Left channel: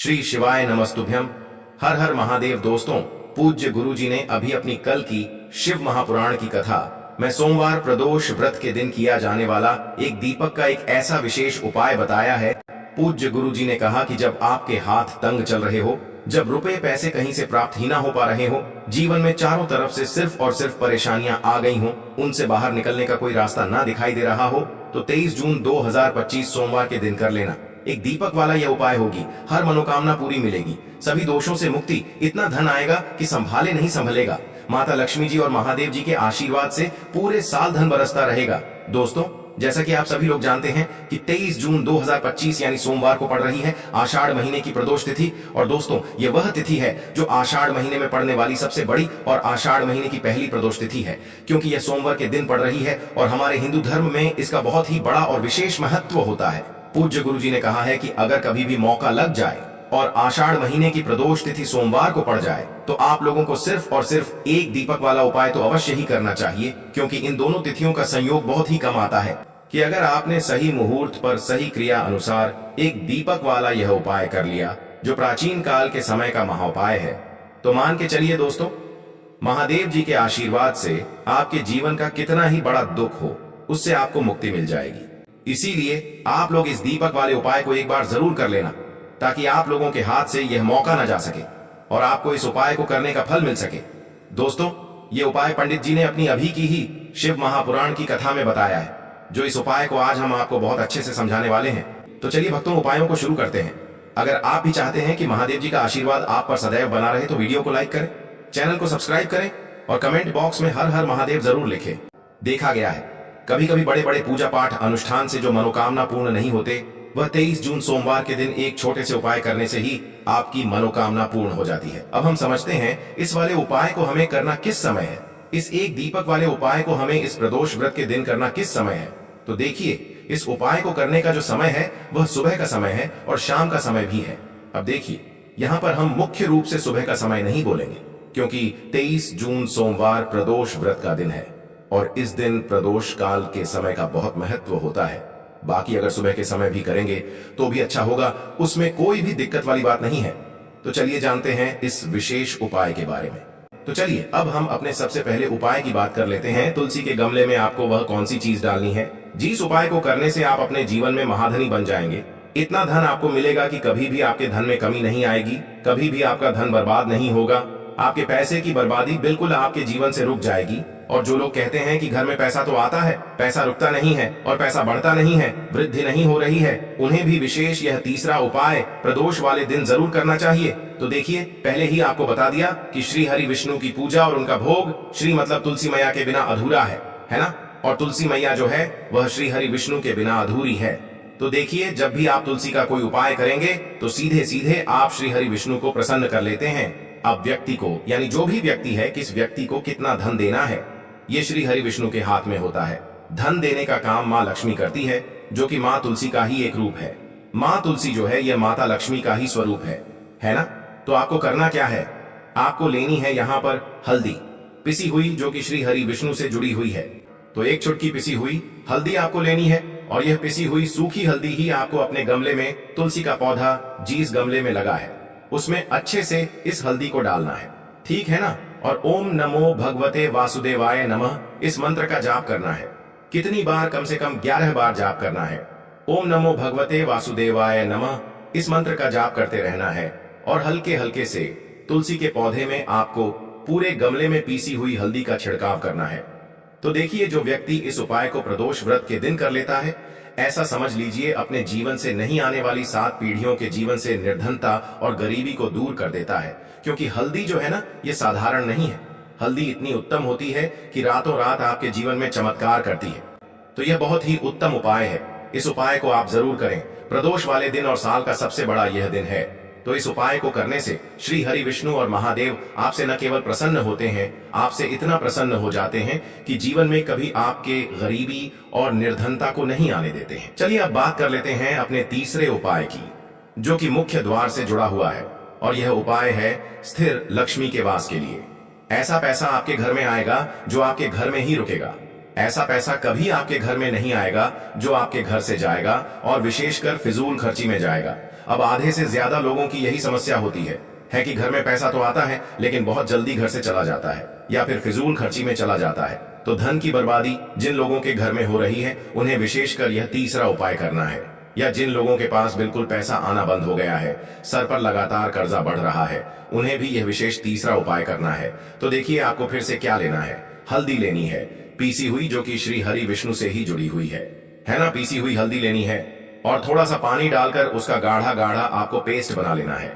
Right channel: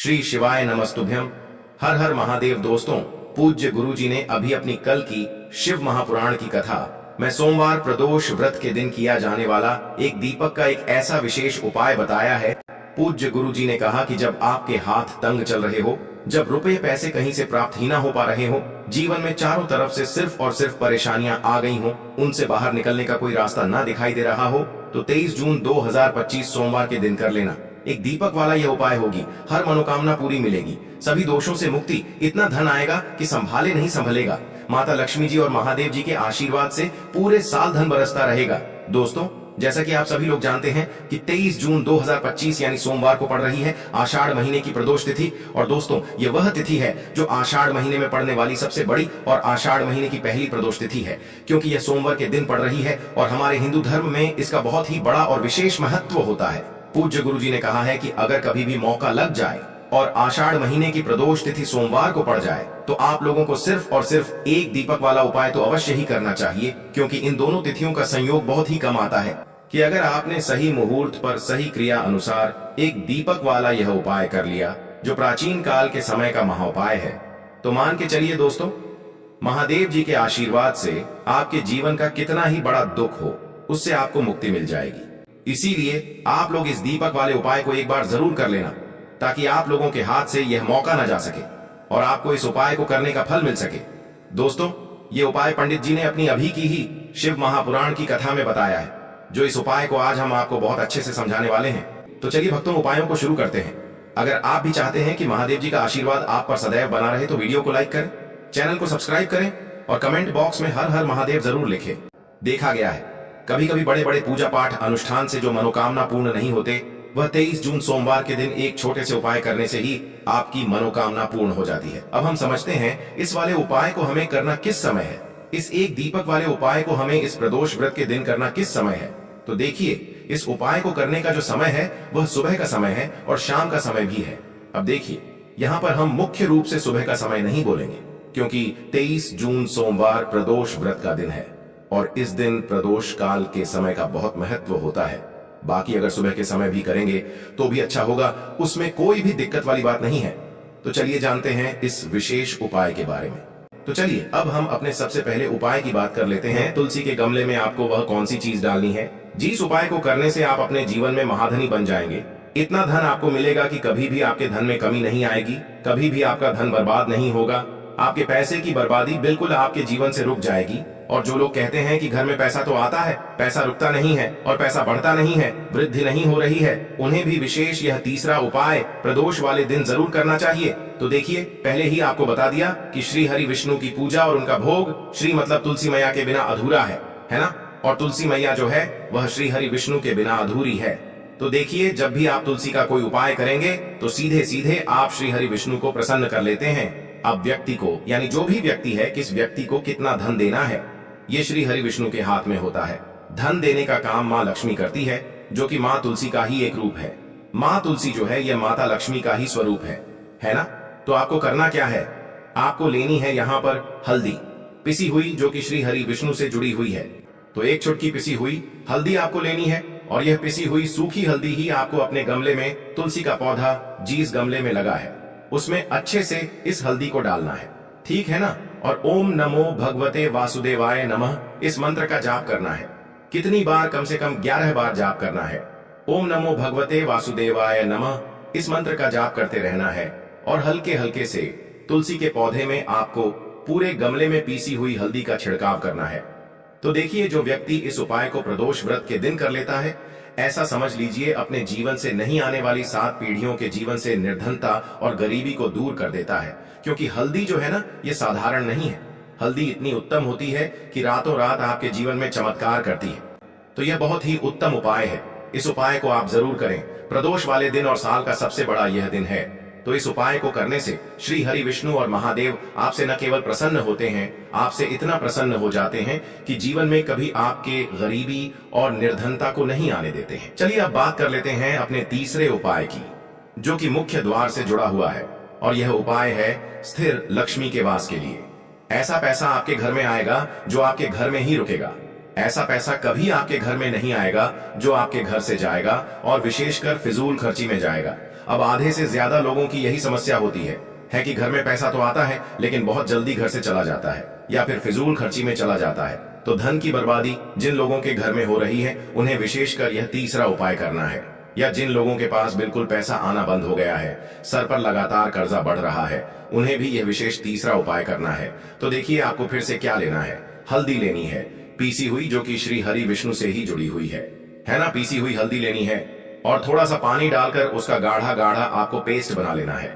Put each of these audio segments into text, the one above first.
श्री शिवाय नमस्तुभ्यम। हर हर महादेव। दोस्तों, पूज्य गुरु जी ने अभी अपनी कल की शिव महापुराण की कथा में सोमवार प्रदोष व्रत के दिन किया जाने वाला एक दीपक का एक ऐसा विशेष उपाय बताया है। पूज्य गुरु जी ने कहा कि जब आपके हाथ तंग चल रहे हो, जब रुपए पैसे कहीं से प्राप्त ही ना हो पा रहे हो, जीवन में चारों तरफ से सिर्फ और सिर्फ परेशानियां आ गई हो, उनसे बाहर निकलने का कोई रास्ता ना दिखाई दे रहा हो, तो 23 जून 2025 सोमवार के दिन कर लेना। एक दीपक वाला यह उपाय होगी, हर मनोकामना पूरी मिलेगी, सभी दोषों से मुक्ति, इतना धन आएगा कि संभाले नहीं संभलेगा। माता लक्ष्मी जी और महादेव जी के आशीर्वाद से पूरे साल धन बरसता रहेगा। दोस्तों, जैसा कि आप सभी लोग जानते हैं कि 23 जून 2025 यानी सोमवार को पड़ रही है आषाढ़ महीने की प्रदोष तिथि। और दोस्तों, ये वह तिथि है जो आषाढ़ महीने में पड़ने वाली सबसे बड़ी और आषाढ़ महीने की पहली प्रदोष तिथि है, क्योंकि यह सोमवार के दिन पड़ रही है और हमारे हिंदू धर्म में इसका बहुत ही बड़ा और विशेष महत्व होता है। पूज्य गुरु जी ने कहा है कि अगर कभी भी मौका लग जाए और आषाढ़ महीने की प्रदोष तिथि सोमवार को पड़ जाए, तो आप लोगों को सिर्फ और सिर्फ एक दीपक वाला उपाय तो अवश्य ही करना चाहिए, क्योंकि इन दोनों तिथियों का संयोग बहुत ही कम आता है। कि अगर आपने सही मुहूर्त पर सही क्रिया अनुसार एक दीपक वाला यह उपाय कर लिया, जो प्राचीन काल के समय का महाउपाय है, तो मान के चलिए दोस्तों, महादेव जी के आशीर्वाद से आपके जीवन का कितना ही बड़ा दुख हो, उससे आपको मुक्ति मिल जाएगी। इसीलिए आप लोग इस दीपक वाले उपाय को एक बार जरूर कर लेना, ताकि आप लोगों के हाथ से यह मौका न जा सके और आपको इस उपाय को करने का फल मिल सके। दोस्तों, ये उपाय पंडित जी ने अपनी अभी की ही शिव महापुराण की कथा में बताया है, जो इस उपाय को आज हम आपको बहुत अच्छे से समझाने वाले हैं। तो चलिए भक्तों, उपायों को शुरू करते हैं। अगर आप भी चाहते हैं कि महादेव जी का आशीर्वाद आप पर सदैव बना रहे, तो वीडियो को लाइक करें, चैनल को सब्सक्राइब करें और कमेंट बॉक्स में हर हर महादेव जरूर लिखें। देखा गया है कभी कभी बड़े बड़े पूजा पाठ अनुष्ठान से जो मनोकामना पूर्ण नहीं होते, वह 23 जून सोमवार के दिन एक छोटे से उपाय करने से ही आपकी मनोकामना पूर्ण हो जाती है। अब हम समझते हैं इस वाले उपाय को हमें करना किस समय है। इस एक दीपक वाले उपाय को हमें इस प्रदोष व्रत के दिन करना किस समय है, तो देखिए, इस उपाय को करने का जो समय है वह सुबह का समय है और शाम का समय भी है। अब देखिए, यहाँ पर हम मुख्य रूप से सुबह का समय नहीं बोलेंगे, क्योंकि 23 जून सोमवार प्रदोष व्रत का दिन है और इस दिन प्रदोष काल के समय का बहुत महत्व होता है। बाकी अगर सुबह के समय भी करेंगे तो भी अच्छा होगा, उसमें कोई भी दिक्कत वाली बात नहीं है। तो चलिए जानते हैं इस विशेष उपाय के बारे में। तो चलिए अब हम अपने सबसे पहले उपाय की बात कर लेते हैं। तुलसी के गमले में आपको वह कौन सी चीज डालनी है जिस उपाय को करने से आप अपने जीवन में महाधनी बन जाएंगे। इतना धन आपको मिलेगा कि कभी भी आपके धन में कमी नहीं आएगी, कभी भी आपका धन बर्बाद नहीं होगा, आपके पैसे की बर्बादी बिल्कुल आपके जीवन से रुक जाएगी। और जो लोग कहते हैं कि घर में पैसा तो आता है, पैसा रुकता नहीं है और पैसा बढ़ता नहीं है, वृद्धि नहीं हो रही है, उन्हें भी विशेष यह तीसरा उपाय प्रदोष वाले दिन जरूर करना चाहिए। तो देखिए, पहले ही आपको बता दिया कि श्री हरि विष्णु की पूजा और उनका भोग, श्री मतलब तुलसी मैया के बिना अधूरा है ना। और तुलसी मैया जो है वह श्री हरि विष्णु के बिना अधूरी है। तो देखिए, जब भी आप तुलसी का कोई उपाय करेंगे तो सीधे सीधे आप श्री हरि विष्णु को प्रसन्न कर लेते हैं। अब व्यक्ति को, यानी जो भी व्यक्ति है, किस व्यक्ति को कितना धन देना है, ये श्री हरि विष्णु के हाथ में होता है। धन देने का काम माँ लक्ष्मी करती है, जो कि माँ तुलसी का ही एक रूप है। माँ तुलसी जो है यह माता लक्ष्मी का ही स्वरूप है ना। तो आपको करना क्या है, आपको लेनी है यहाँ पर हल्दी पिसी हुई, जो कि श्री हरि विष्णु से जुड़ी हुई है। तो एक चुटकी पिसी हुई हल्दी आपको लेनी है और यह पिसी हुई सूखी हल्दी ही आपको अपने गमले में, तुलसी का पौधा जिस गमले में लगा है उसमें अच्छे से इस हल्दी को डालना है, ठीक है ना। और ओम नमो भगवते वासुदेवाय नमः इस मंत्र का जाप करना है। कितनी बार? कम से कम 11 बार जाप करना है। ओम नमो भगवते वासुदेवाय नमः इस मंत्र का जाप करते रहना है और हल्के हल्के से तुलसी के पौधे में आपको पूरे गमले में पीसी हुई हल्दी का छिड़काव करना है। तो देखिए, जो व्यक्ति इस उपाय को प्रदोष व्रत के दिन कर लेता है, ऐसा समझ लीजिए अपने जीवन से नहीं आने वाली 7 पीढ़ियों के जीवन से निर्धनता और गरीबी को दूर कर देता है। क्योंकि हल्दी जो है ना, ये साधारण नहीं है। हल्दी इतनी उत्तम होती है कि रातों रात आपके जीवन में चमत्कार करती है। तो यह बहुत ही उत्तम उपाय है। इस उपाय को आप जरूर करें। प्रदोष वाले दिन और साल का सबसे बड़ा यह दिन है। तो इस उपाय को करने से श्री हरि विष्णु और महादेव आपसे न केवल प्रसन्न होते हैं, आपसे इतना प्रसन्न हो जाते हैं कि जीवन में कभी आपके गरीबी और निर्धनता को नहीं आने देते हैं। चलिए अब बात कर लेते हैं अपने तीसरे उपाय की, जो कि मुख्य द्वार से जुड़ा हुआ है। और यह उपाय है स्थिर लक्ष्मी के वास के लिए। ऐसा पैसा आपके घर में आएगा जो आपके घर में ही रुकेगा। ऐसा पैसा कभी आपके घर में नहीं आएगा जो आपके घर से जाएगा और विशेषकर फिजूल खर्ची में जाएगा। अब आधे से ज्यादा लोगों की यही समस्या होती है कि घर में पैसा तो आता है लेकिन बहुत जल्दी घर से चला जाता है या फिर फिजूल खर्ची में चला जाता है। तो धन की बर्बादी जिन लोगों के घर में हो रही है उन्हें विशेषकर यह तीसरा उपाय करना है। या जिन लोगों के पास बिल्कुल पैसा आना बंद हो गया है, सर पर लगातार कर्जा बढ़ रहा है, उन्हें भी यह विशेष तीसरा उपाय करना है। तो देखिए आपको फिर से क्या लेना है। हल्दी लेनी है, पीसी हुई, जो कि श्री हरि विष्णु से ही जुड़ी हुई है ना। पीसी हुई हल्दी लेनी है और थोड़ा सा पानी डालकर उसका गाढ़ा गाढ़ा आपको पेस्ट बना लेना है।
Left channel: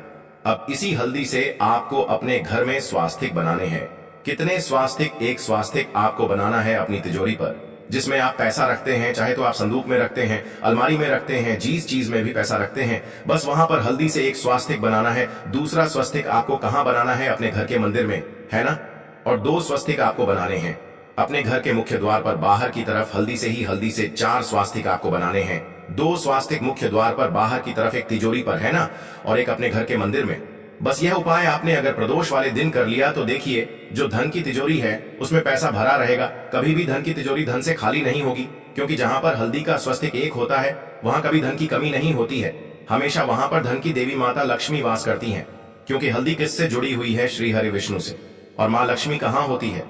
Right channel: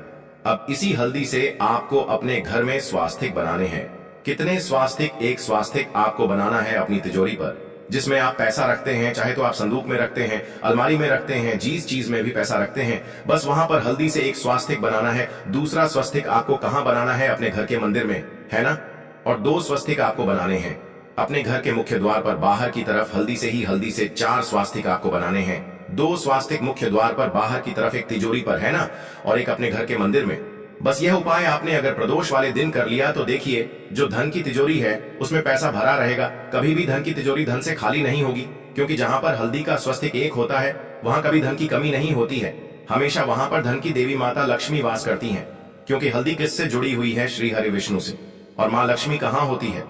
अब इसी हल्दी से आपको अपने घर में स्वास्तिक बनाने हैं। कितने स्वास्तिक? एक स्वास्तिक आपको बनाना है अपनी तिजोरी पर, जिसमें आप पैसा रखते हैं, चाहे तो आप संदूक में रखते हैं, अलमारी में रखते हैं, जिस चीज में भी पैसा रखते हैं, बस वहां पर हल्दी से एक स्वास्तिक बनाना है। दूसरा स्वस्तिक आपको कहां बनाना है? अपने घर के मंदिर में, है ना। और 2 स्वस्तिक आपको बनाने हैं अपने घर के मुख्य द्वार पर बाहर की तरफ। हल्दी से 4 स्वास्तिक आपको बनाने हैं। 2 स्वास्तिक मुख्य द्वार पर बाहर की तरफ, एक तिजोरी पर, है ना, और एक अपने घर के मंदिर में। बस यह उपाय आपने अगर प्रदोष वाले दिन कर लिया तो देखिए जो धन की तिजोरी है उसमें पैसा भरा रहेगा। कभी भी धन की तिजोरी धन से खाली नहीं होगी, क्योंकि जहां पर हल्दी का स्वस्तिक एक होता है वहां कभी धन की कमी नहीं होती है। हमेशा वहां पर धन की देवी माता लक्ष्मी वास करती हैं, क्योंकि हल्दी किससे जुड़ी हुई है? श्री हरि विष्णु से। और माँ लक्ष्मी कहाँ होती है?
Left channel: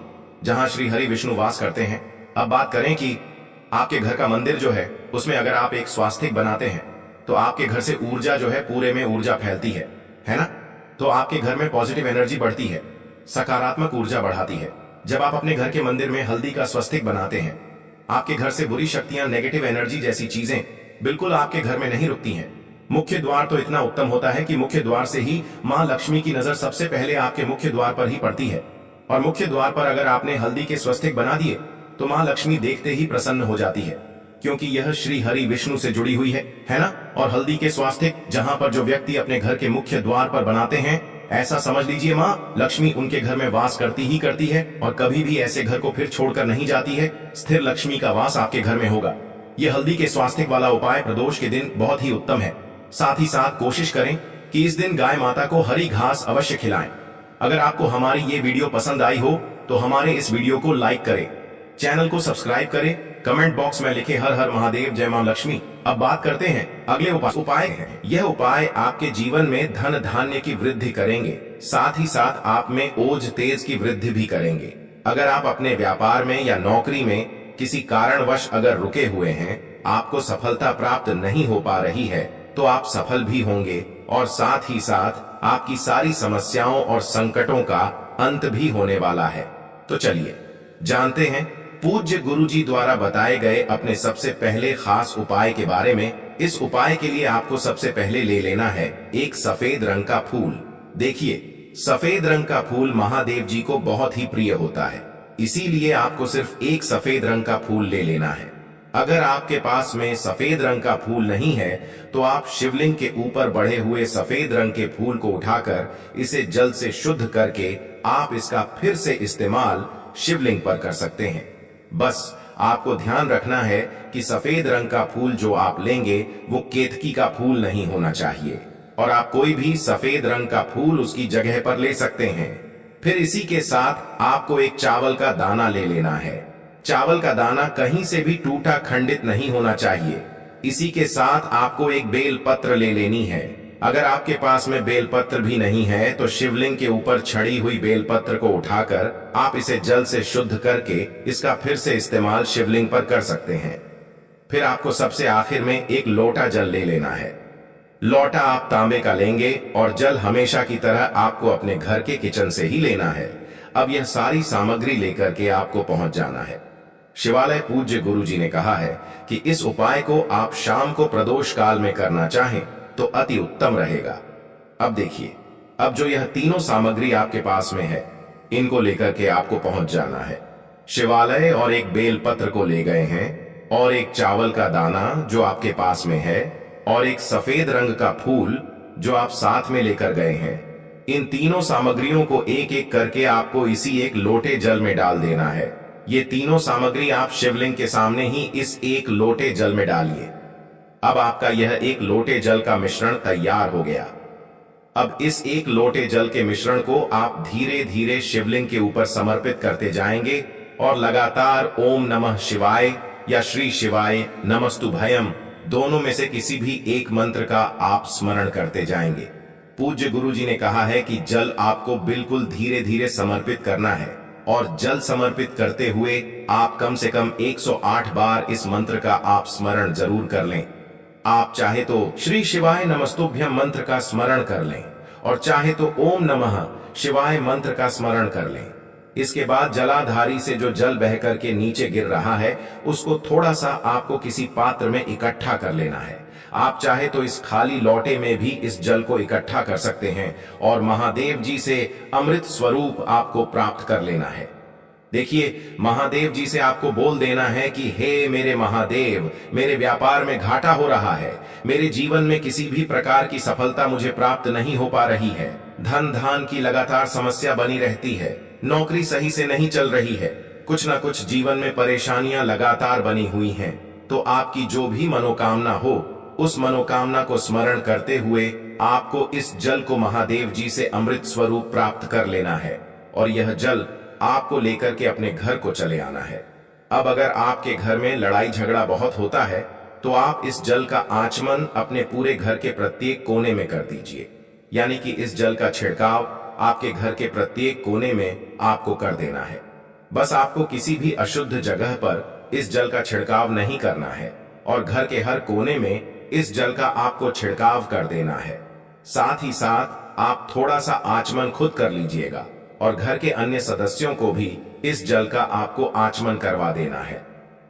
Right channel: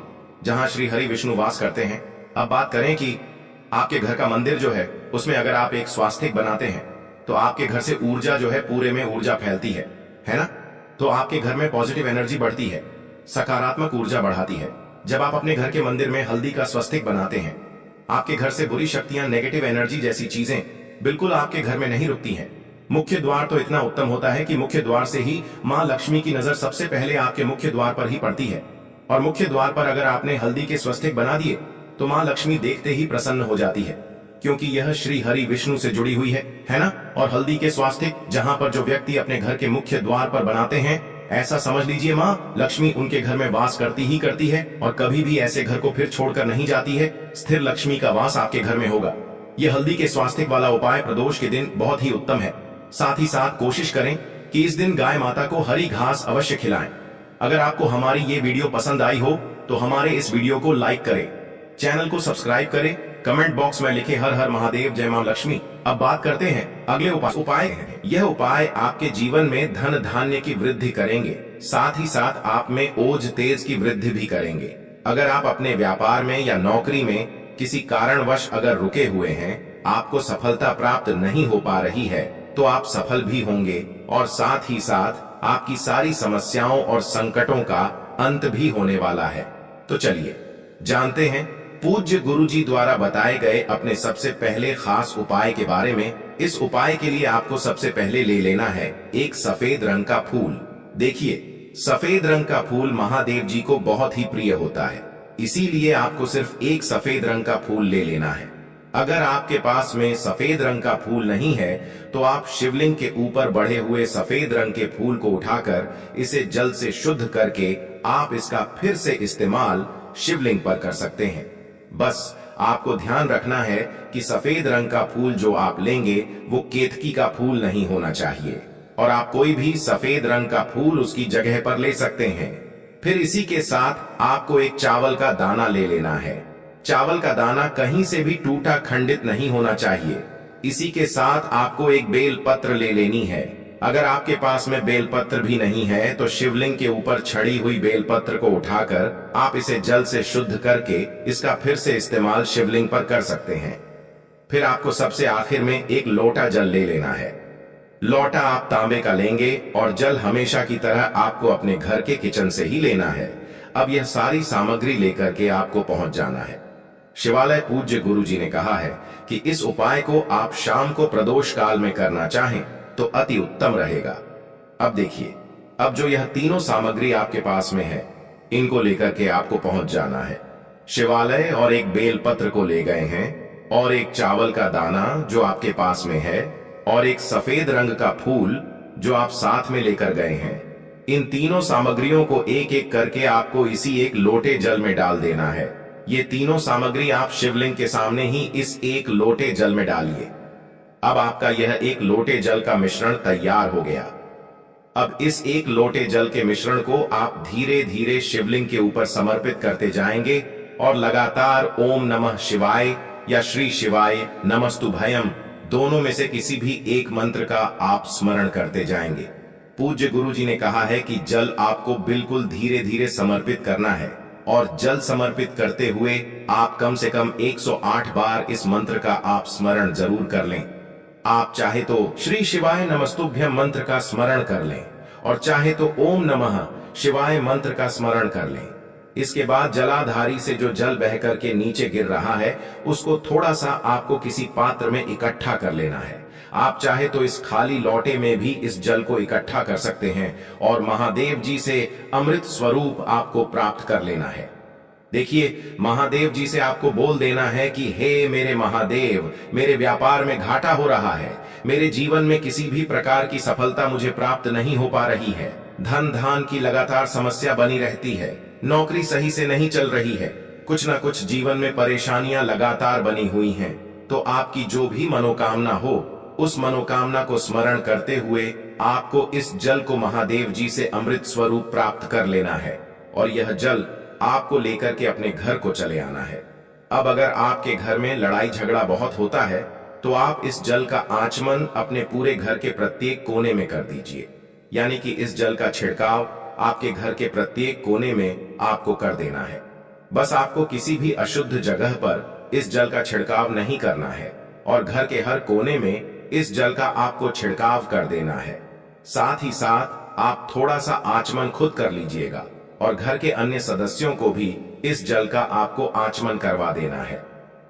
जहां श्री हरि विष्णु वास करते हैं। अब बात करें कि आपके घर का मंदिर जो है उसमें अगर आप एक स्वास्तिक बनाते हैं तो आपके घर से ऊर्जा जो है पूरे में ऊर्जा फैलती है ना। तो आपके घर में पॉजिटिव एनर्जी बढ़ती है, सकारात्मक ऊर्जा बढ़ाती है। जब आप अपने घर के मंदिर में हल्दी का स्वस्तिक बनाते हैं, आपके घर से बुरी शक्तियां, नेगेटिव एनर्जी जैसी चीजें बिल्कुल आपके घर में नहीं रुकती हैं। मुख्य द्वार तो इतना उत्तम होता है कि मुख्य द्वार से ही माँ लक्ष्मी की नजर सबसे पहले आपके मुख्य द्वार पर ही पड़ती है। और मुख्य द्वार पर अगर आपने हल्दी के स्वस्तिक बना दिए तो माँ लक्ष्मी देखते ही प्रसन्न हो जाती है, क्योंकि यह श्री हरि विष्णु से जुड़ी हुई है ना। और हल्दी के स्वास्तिक जहां पर जो व्यक्ति अपने घर के मुख्य द्वार पर बनाते हैं, ऐसा समझ लीजिए माँ लक्ष्मी उनके घर में वास करती ही करती है और कभी भी ऐसे घर को फिर छोड़कर नहीं जाती है। स्थिर लक्ष्मी का वास आपके घर में होगा। यह हल्दी के स्वास्तिक वाला उपाय प्रदोष के दिन बहुत ही उत्तम है। साथ ही साथ कोशिश करें कि इस दिन गाय माता को हरी घास अवश्य खिलाएं। अगर आपको हमारी ये वीडियो पसंद आई हो तो हमारे इस वीडियो को लाइक करें, चैनल को सब्सक्राइब करें, कमेंट बॉक्स में लिखे हर हर महादेव, जय मां लक्ष्मी। अब बात करते हैं अगले उपाय है। यह उपाय आपके जीवन में धन धान्य की वृद्धि करेंगे, साथ ही साथ आप में ओज तेज की वृद्धि भी करेंगे। अगर आप अपने व्यापार में या नौकरी में किसी कारणवश अगर रुके हुए हैं, आपको सफलता प्राप्त नहीं हो पा रही है, तो आप सफल भी होंगे और साथ ही साथ आपकी सारी समस्याओं और संकटों का अंत भी होने वाला है। तो चलिए जानते हैं पूज्य गुरुजी द्वारा बताए गए अपने सबसे पहले खास उपाय के बारे में। इस उपाय के लिए आपको सबसे पहले ले लेना है एक सफेद रंग का फूल। देखिए सफेद रंग का फूल महादेव जी को बहुत ही प्रिय होता है, इसीलिए आपको सिर्फ एक सफेद रंग का फूल ले लेना है। अगर आपके पास में सफेद रंग का फूल नहीं है तो आप शिवलिंग के ऊपर बढ़े हुए सफेद रंग के फूल को उठाकर इसे जल से शुद्ध करके आप इसका फिर से इस्तेमाल शिवलिंग पर कर सकते हैं। बस आपको ध्यान रखना है कि सफेद रंग का फूल जो आप लेंगे वो केतकी का फूल नहीं होना चाहिए, और आप कोई भी सफेद रंग का फूल उसकी जगह पर ले सकते हैं। फिर इसी के साथ आपको एक चावल का दाना ले लेना है। चावल का दाना कहीं से भी टूटा खंडित नहीं होना चाहिए। इसी के साथ आपको एक बेल पत्र ले लेनी है। अगर आपके पास में बेल पत्र भी नहीं है तो शिवलिंग के ऊपर छड़ी हुई बेल पत्र को उठाकर आप इसे जल से शुद्ध करके इसका फिर से इस्तेमाल शिवलिंग पर कर सकते हैं। फिर आपको सबसे आखिर में एक लोटा जल ले लेना है। लोटा आप तांबे का लेंगे और जल हमेशा की तरह आपको अपने घर के किचन से ही लेना है। अब यह सारी सामग्री लेकर के आपको पहुंच जाना है शिवालय। पूज्य गुरुजी ने कहा है कि इस उपाय को आप शाम को प्रदोष काल में करना चाहें तो अति उत्तम रहेगा। अब देखिए, अब जो यह तीनों सामग्री आपके पास में है, इनको लेकर के आपको पहुंच जाना है शिवालय। और एक बेल पत्र को ले गए हैं, और एक चावल का दाना जो आपके पास में है, और एक सफेद रंग का फूल जो आप साथ में लेकर गए हैं। इन तीनों सामग्रियों को एक एक करके आपको इसी एक लोटे जल में डाल देना है। ये तीनों सामग्री आप शिवलिंग के सामने ही इस एक लोटे जल में डालिए। अब आपका यह एक लोटे जल का मिश्रण तैयार हो गया। अब इस एक लोटे जल के मिश्रण को आप धीरे धीरे शिवलिंग के ऊपर समर्पित करते जाएंगे और लगातार ओम नमः शिवाय या श्री शिवाय नमस्तुभयम दोनों में से किसी भी एक मंत्र का आप स्मरण करते जाएंगे। पूज्य गुरुजी ने कहा है कि जल आपको बिल्कुल धीरे धीरे समर्पित करना है और जल समर्पित करते हुए आप कम से कम 108 बार इस मंत्र का आप स्मरण जरूर कर लें। आप चाहे तो श्री शिवाय नमस्तुभ्यम मंत्र का स्मरण कर लें और चाहे तो ओम नमः शिवाय मंत्र का स्मरण कर लें। इसके बाद जलाधारी से जो जल बह करके नीचे गिर रहा है उसको थोड़ा सा आपको किसी पात्र में इकट्ठा कर लेना है। आप चाहे तो इस खाली लोटे में भी इस जल को इकट्ठा कर सकते हैं और महादेव जी से अमृत स्वरूप आपको प्राप्त कर लेना है। देखिए, महादेव जी से आपको बोल देना है कि हे मेरे महादेव, मेरे व्यापार में घाटा हो रहा है, मेरे जीवन में किसी भी प्रकार की सफलता मुझे प्राप्त नहीं हो पा रही है, धन धान की लगातार समस्या बनी रहती है, नौकरी सही से नहीं चल रही है, कुछ ना कुछ जीवन में परेशानियां लगातार बनी हुई हैं। तो आपकी जो भी मनोकामना हो उस मनोकामना को स्मरण करते हुए आपको इस जल को महादेव जी से अमृत स्वरूप प्राप्त कर लेना है और यह जल आपको लेकर के अपने घर को चले आना है। अब अगर आपके घर में लड़ाई झगड़ा बहुत होता है तो आप इस जल का आचमन अपने पूरे घर के प्रत्येक कोने में कर दीजिए, यानी कि इस जल का छिड़काव आपके घर के प्रत्येक कोने में आपको कर देना है। बस आपको किसी भी अशुद्ध जगह पर इस जल का छिड़काव नहीं करना है और घर के हर कोने में इस जल का आपको छिड़काव कर देना है। साथ ही साथ आप थोड़ा सा आचमन खुद कर लीजिएगा और घर के अन्य सदस्यों को भी इस जल का आपको आचमन करवा देना है।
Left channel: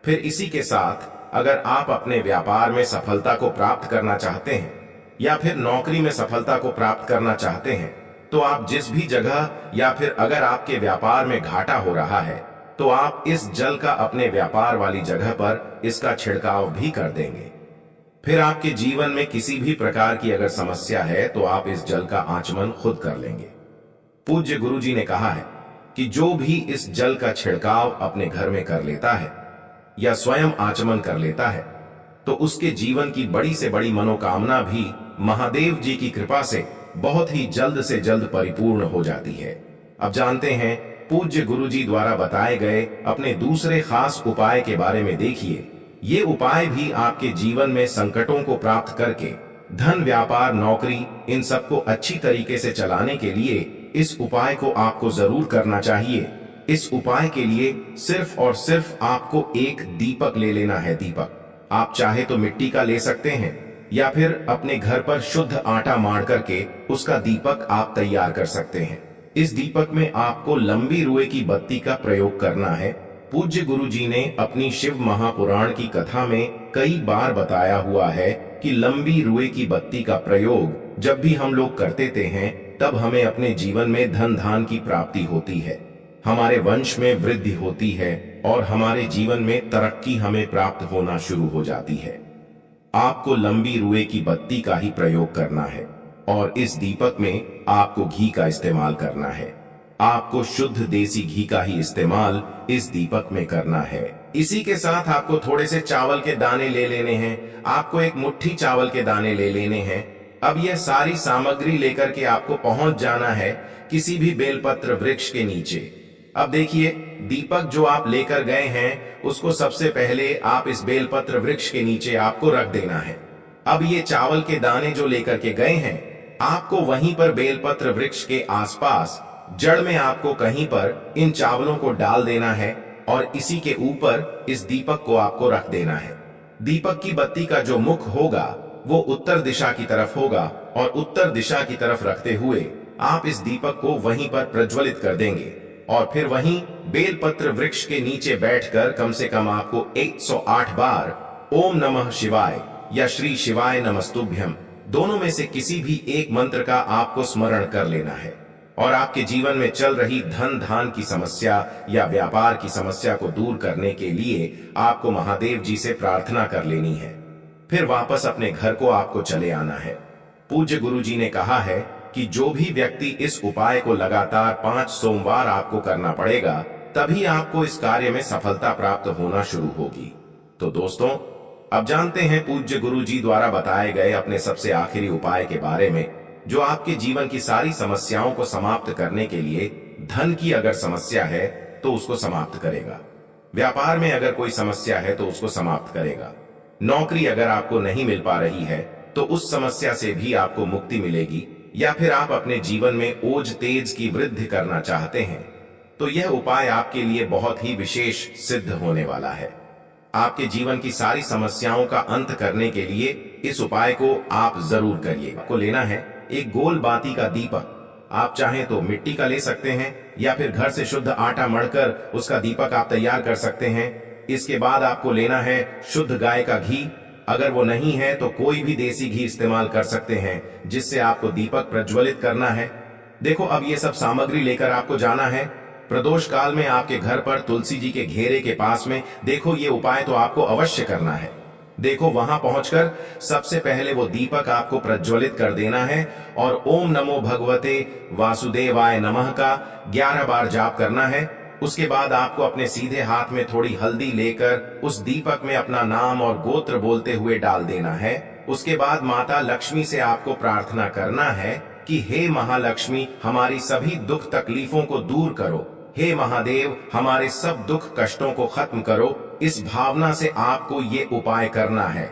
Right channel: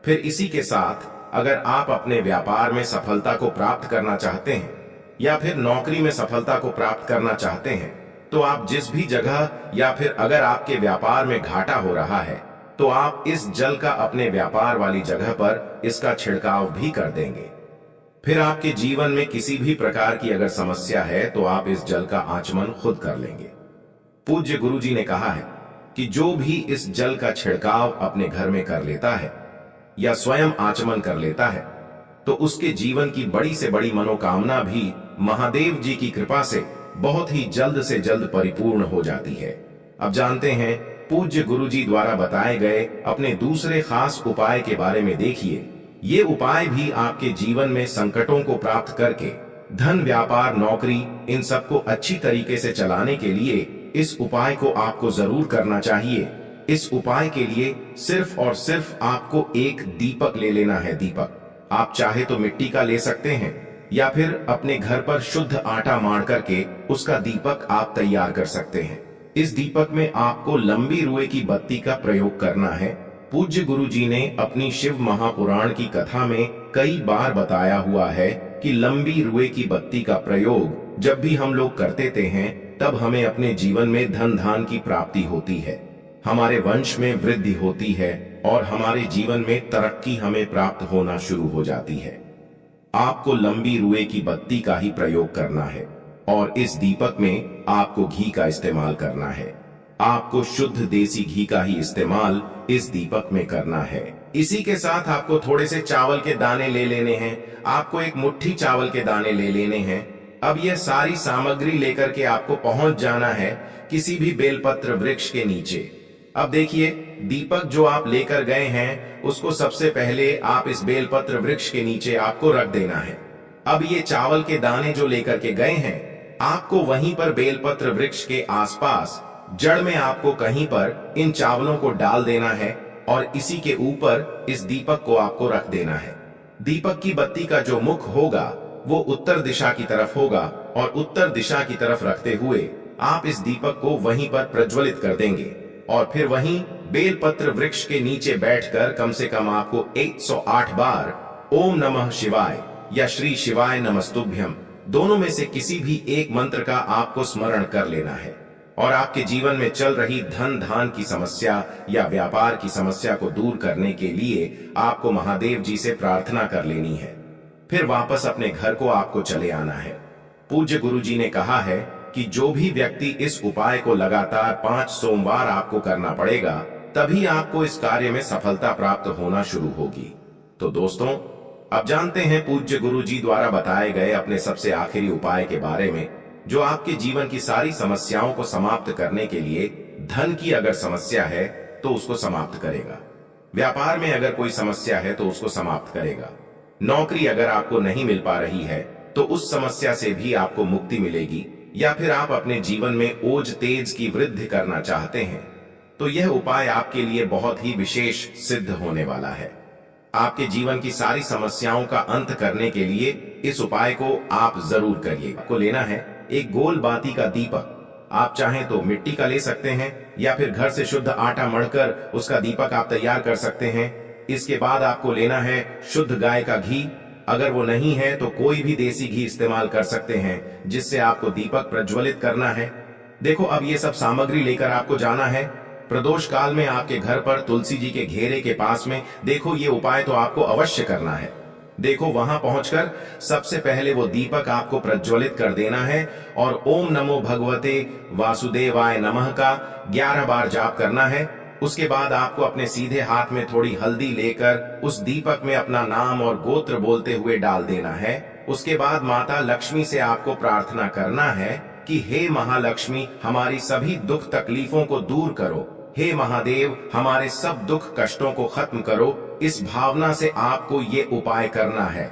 फिर इसी के साथ अगर आप अपने व्यापार में सफलता को प्राप्त करना चाहते हैं या फिर नौकरी में सफलता को प्राप्त करना चाहते हैं तो आप जिस भी जगह या फिर अगर आपके व्यापार में घाटा हो रहा है तो आप इस जल का अपने व्यापार वाली जगह पर इसका छिड़काव भी कर देंगे। फिर आपके जीवन में किसी भी प्रकार की अगर समस्या है तो आप इस जल का आचमन खुद कर लेंगे। पूज्य गुरुजी ने कहा है कि जो भी इस जल का छिड़काव अपने घर में कर लेता है या स्वयं आचमन कर लेता है तो उसके जीवन की बड़ी से बड़ी मनोकामना भी महादेव जी की कृपा से बहुत ही जल्द से जल्द परिपूर्ण हो जाती है। अब जानते हैं पूज्य गुरुजी द्वारा बताए गए अपने दूसरे खास उपाय के बारे में। देखिए, ये उपाय भी आपके जीवन में संकटों को प्राप्त करके धन, व्यापार, नौकरी इन सबको अच्छी तरीके से चलाने के लिए इस उपाय को आपको जरूर करना चाहिए। इस उपाय के लिए सिर्फ और सिर्फ आपको एक दीपक ले लेना है। दीपक आप चाहे तो मिट्टी का ले सकते हैं या फिर अपने घर पर शुद्ध आटा मार करके उसका दीपक आप तैयार कर सकते हैं। इस दीपक में आपको लंबी रुई की बत्ती का प्रयोग करना है। पूज्य गुरुजी ने अपनी शिव महापुराण की कथा में कई बार बताया हुआ है कि लंबी रुई की बत्ती का प्रयोग जब भी हम लोग करते हैं तब हमें अपने जीवन में धन धान की प्राप्ति होती है, हमारे वंश में वृद्धि होती है और हमारे जीवन में तरक्की हमें प्राप्त होना शुरू हो जाती है। आपको लंबी रुई की बत्ती का ही प्रयोग करना है और इस दीपक में आपको घी का इस्तेमाल करना है। आपको शुद्ध देसी घी का ही इस्तेमाल इस दीपक में करना है। इसी के साथ आपको थोड़े से चावल के दाने ले लेने हैं। आपको एक मुट्ठी चावल के दाने ले लेने हैं। अब यह सारी सामग्री लेकर के आपको पहुंच जाना है किसी भी बेलपत्र वृक्ष के नीचे। अब देखिए, दीपक जो आप लेकर गए हैं उसको सबसे पहले आप इस बेलपत्र वृक्ष के नीचे आपको रख देना है। अब ये चावल के दाने जो लेकर के गए हैं आपको वहीं पर बेलपत्र वृक्ष के आसपास जड़ में आपको कहीं पर इन चावलों को डाल देना है और इसी के ऊपर इस दीपक को आपको रख देना है। दीपक की बत्ती का जो मुख होगा वो उत्तर दिशा की तरफ होगा और उत्तर दिशा की तरफ रखते हुए आप इस दीपक को वहीं पर प्रज्वलित कर देंगे और फिर वहीं बेलपत्र वृक्ष के नीचे बैठकर कम से कम आपको 108 बार ओम नमः शिवाय या श्री शिवाय नमस्तुभ्यम दोनों में से किसी भी एक मंत्र का आपको स्मरण कर लेना है और आपके जीवन में चल रही धन धान की समस्या या व्यापार की समस्या को दूर करने के लिए आपको महादेव जी से प्रार्थना कर लेनी है। फिर वापस अपने घर को आपको चले आना है। पूज्य गुरुजी ने कहा है कि जो भी व्यक्ति इस उपाय को लगातार 5 सोमवार आपको करना पड़ेगा तभी आपको इस कार्य में सफलता प्राप्त होना शुरू होगी। तो दोस्तों, अब जानते हैं पूज्य गुरुजी द्वारा बताए गए अपने सबसे आखिरी उपाय के बारे में जो आपके जीवन की सारी समस्याओं को समाप्त करने के लिए, धन की अगर समस्या है तो उसको समाप्त करेगा, व्यापार में अगर कोई समस्या है तो उसको समाप्त करेगा, नौकरी अगर आपको नहीं मिल पा रही है तो उस समस्या से भी आपको मुक्ति मिलेगी, या फिर आप अपने जीवन में ओज तेज की वृद्धि करना चाहते हैं तो यह उपाय आपके लिए बहुत ही विशेष सिद्ध होने वाला है। आपके जीवन की सारी समस्याओं का अंत करने के लिए इस उपाय को आप जरूर करिए। आपको लेना है एक गोल बाती का दीपक। आप चाहें तो मिट्टी का ले सकते हैं या फिर घर से शुद्ध आटा मढ़कर उसका दीपक आप तैयार कर सकते हैं। इसके बाद आपको लेना है शुद्ध गाय का घी। अगर वो नहीं है तो कोई भी देसी घी इस्तेमाल कर सकते हैं जिससे आपको दीपक प्रज्वलित करना है। देखो, अब ये सब सामग्री लेकर आपको जाना है प्रदोष काल में आपके घर पर तुलसी जी के घेरे के पास में। देखो, ये उपाय तो आपको अवश्य करना है। देखो, वहां पहुंचकर सबसे पहले वो दीपक आपको प्रज्वलित कर देना है और ओम नमो भगवते वासुदेवाय नमः का 11 बार जाप करना है। उसके बाद आपको अपने सीधे हाथ में थोड़ी हल्दी लेकर उस दीपक में अपना नाम और गोत्र बोलते हुए डाल देना है। उसके बाद माता लक्ष्मी से आपको प्रार्थना करना है कि हे महालक्ष्मी, हमारी सभी दुख तकलीफों को दूर करो। हे महादेव, हमारे सब दुख कष्टों को खत्म करो। इस भावना से आपको ये उपाय करना है।